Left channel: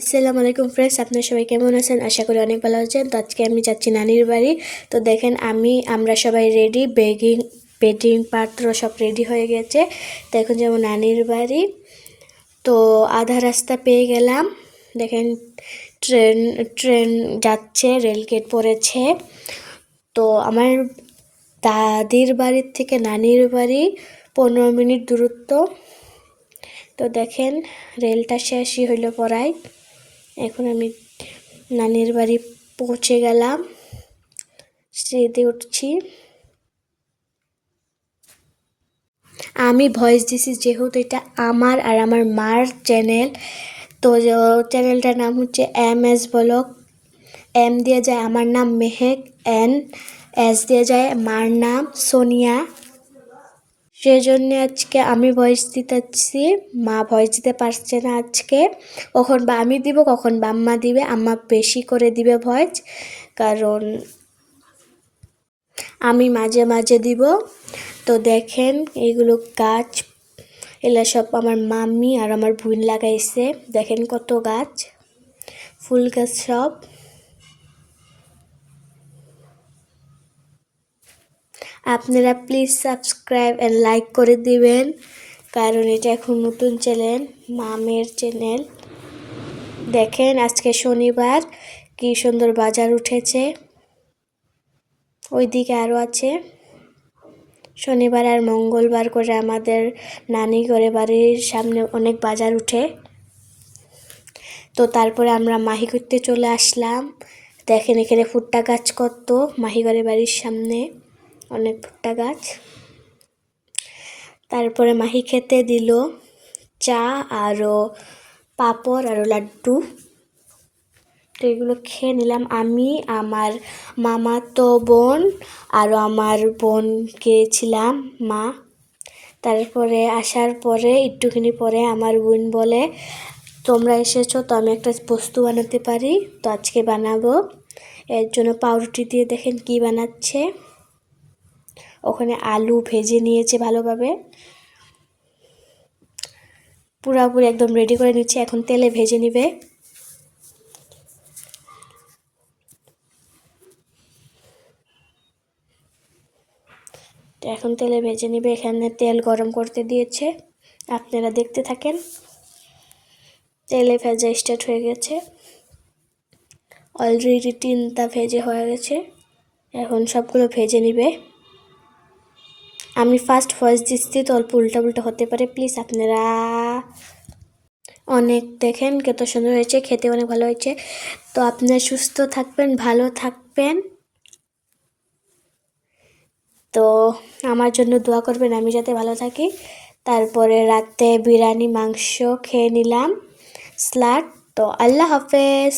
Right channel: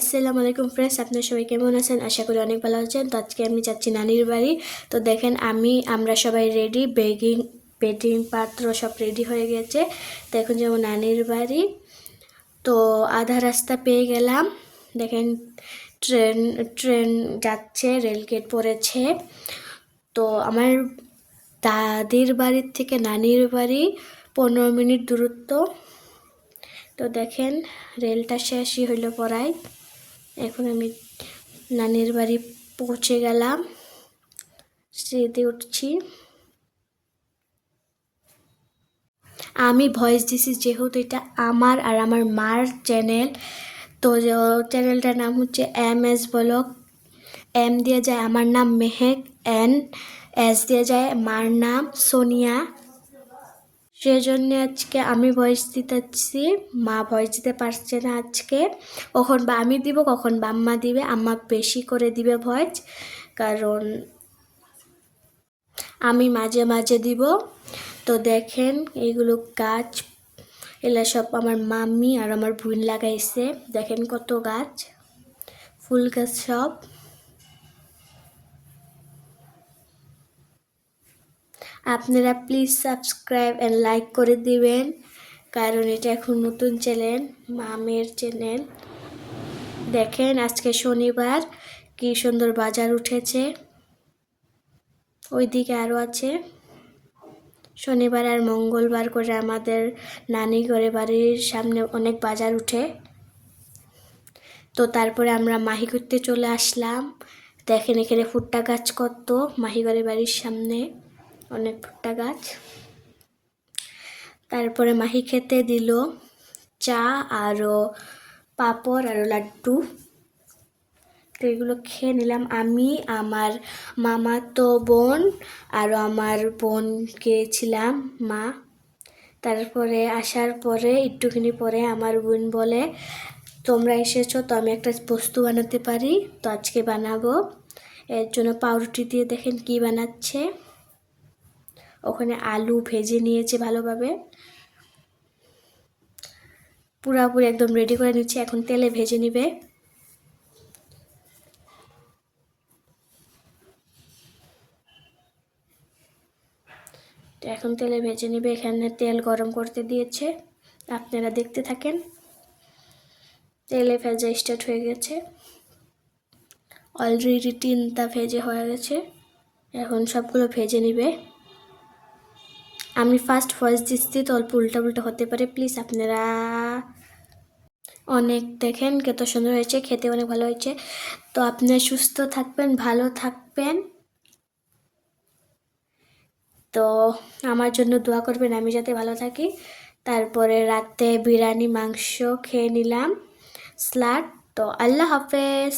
আসসালামু আলাইকুম ফ্রেন্ডস, আপনারা সবাই কেমন আছেন? আশা করি অনেক ভালো আছেন। তো আজকে আমি যাচ্ছি নানির বাড়ি। তো দেখেন আমরা সবাই রেডি, বেডিং পাত্র সব রেডি হয়ে গেছে। তো এখন যাবো নানির বাড়ি। তো আধা রাস্তা পেয়ে গেলাম। দেখেন ট্রেন ট্রেন যাচ্ছে, রেলগেট পড়েছে। তো আমার দাদির বাড়ির থেকে নানির বাড়ি 15 মিনিট দূরত্ব। তো দেখেন রেলটা শেষই হইল পড়ায়। এখন আমি নানির বাড়ি পৌঁছে গেলাম, সিঁড়িতে উঠছি। আমি ভয়েস দিছি যেহেতু এটা আমার আর আমার মার চ্যানেল। তো চ্যানেলটার নাম হচ্ছে MS ব্লগ। M দিয়ে যায় আমার নাম মেহেক, S দিয়ে যায় মার নাম সোনিয়া। সেজন্য আজকে আমি ভয়েস দিতেছি, মা ভয়েস দিতে পারছে না আজকে। কখন বা আমি দিব, কখন বা আম্মা দিবে। আম্মা বেশি করে দিবে ভয়েস, কারণ আমি মাঝে মাঝে দিব। তো দেখেন এইগুলো গাছ, এগুলো সব আমার মাম্মি আর আমার বোন লাগাইছে। দেখেন কত গাছ, ফুল গাছ সব। আপনারা প্লিজ সাবস্ক্রাইব অ্যান্ড লাইক করে দিবেন, কারণ এটা এখন নতুন চ্যানেল, মামের চ্যানেল। দেখেন আজকে শনিবার, কি সুন্দর বাজার উঠেছে। ওইদিকে আরও আছে। শনিবার আর মঙ্গলবার করে আমাদের নানি ঘরে বাড়ির সামনে অনেক বাজার উঠে। তো তারপরে আমরা মাহি করতে চলে আসলাম। দেখেন এখানে ভুট্টা গাছ কত, মাহি ঘরে বাড়ির সামনে অনেক ভুট্টা গাছ। তারপরে মাহি খেতে দিল চা আরও পাঁপড় আরও লাড্ডু। তো এগুলো খেয়ে নিলাম আমি, আমার মামাতো বোন আরও আমার বোনকে ছিলাম মা। তারপরে আসার পরে একটুখানি পরে আমার বোন বলে, তোমরা এসেছো তো আমি একটা বস্তু বানাতে পারি, তো আজকে বানাবো। এর জন্য পাউরুটি দিয়ে দেখেন কি বানাচ্ছে। ওখানে আলু ভেজে নিয়েছে ভালোভাবে, পুরাপুরি একদম রেডি করে নিচ্ছে। এখন তেলে ভেজে নিবে। তো এখন তেলে ভেজে নেবে। এখানে তেল গরম করতে দিয়েছে, আপনারা দেখতে থাকেন। তেলে ভেজা স্টার্ট হয়ে গেছে, অলরেডি 3টা ভেজে হয়ে গেছে। এখন সবগুলো ভেজে নিবে। আমি ফার্স্ট ভয়েস দিচ্ছি, তো অল্প উল্টা উল্টা হতে পারে, প্লিজ আপনারা অনেক দেখেন কত সুন্দর হয়েছে, খেতে অনেক ভালো হয়েছে। তো আপনারা সুস্থ থাকবেন, ভালো থাকবেন। তো আমার জন্য দোয়া করবেন, আমি যাতে ভালো থাকি। তারপরে রাতে বিরিয়ানি মাংস খেয়ে নিলাম, স্যালাড। তো আল্লাহ হাফেজ।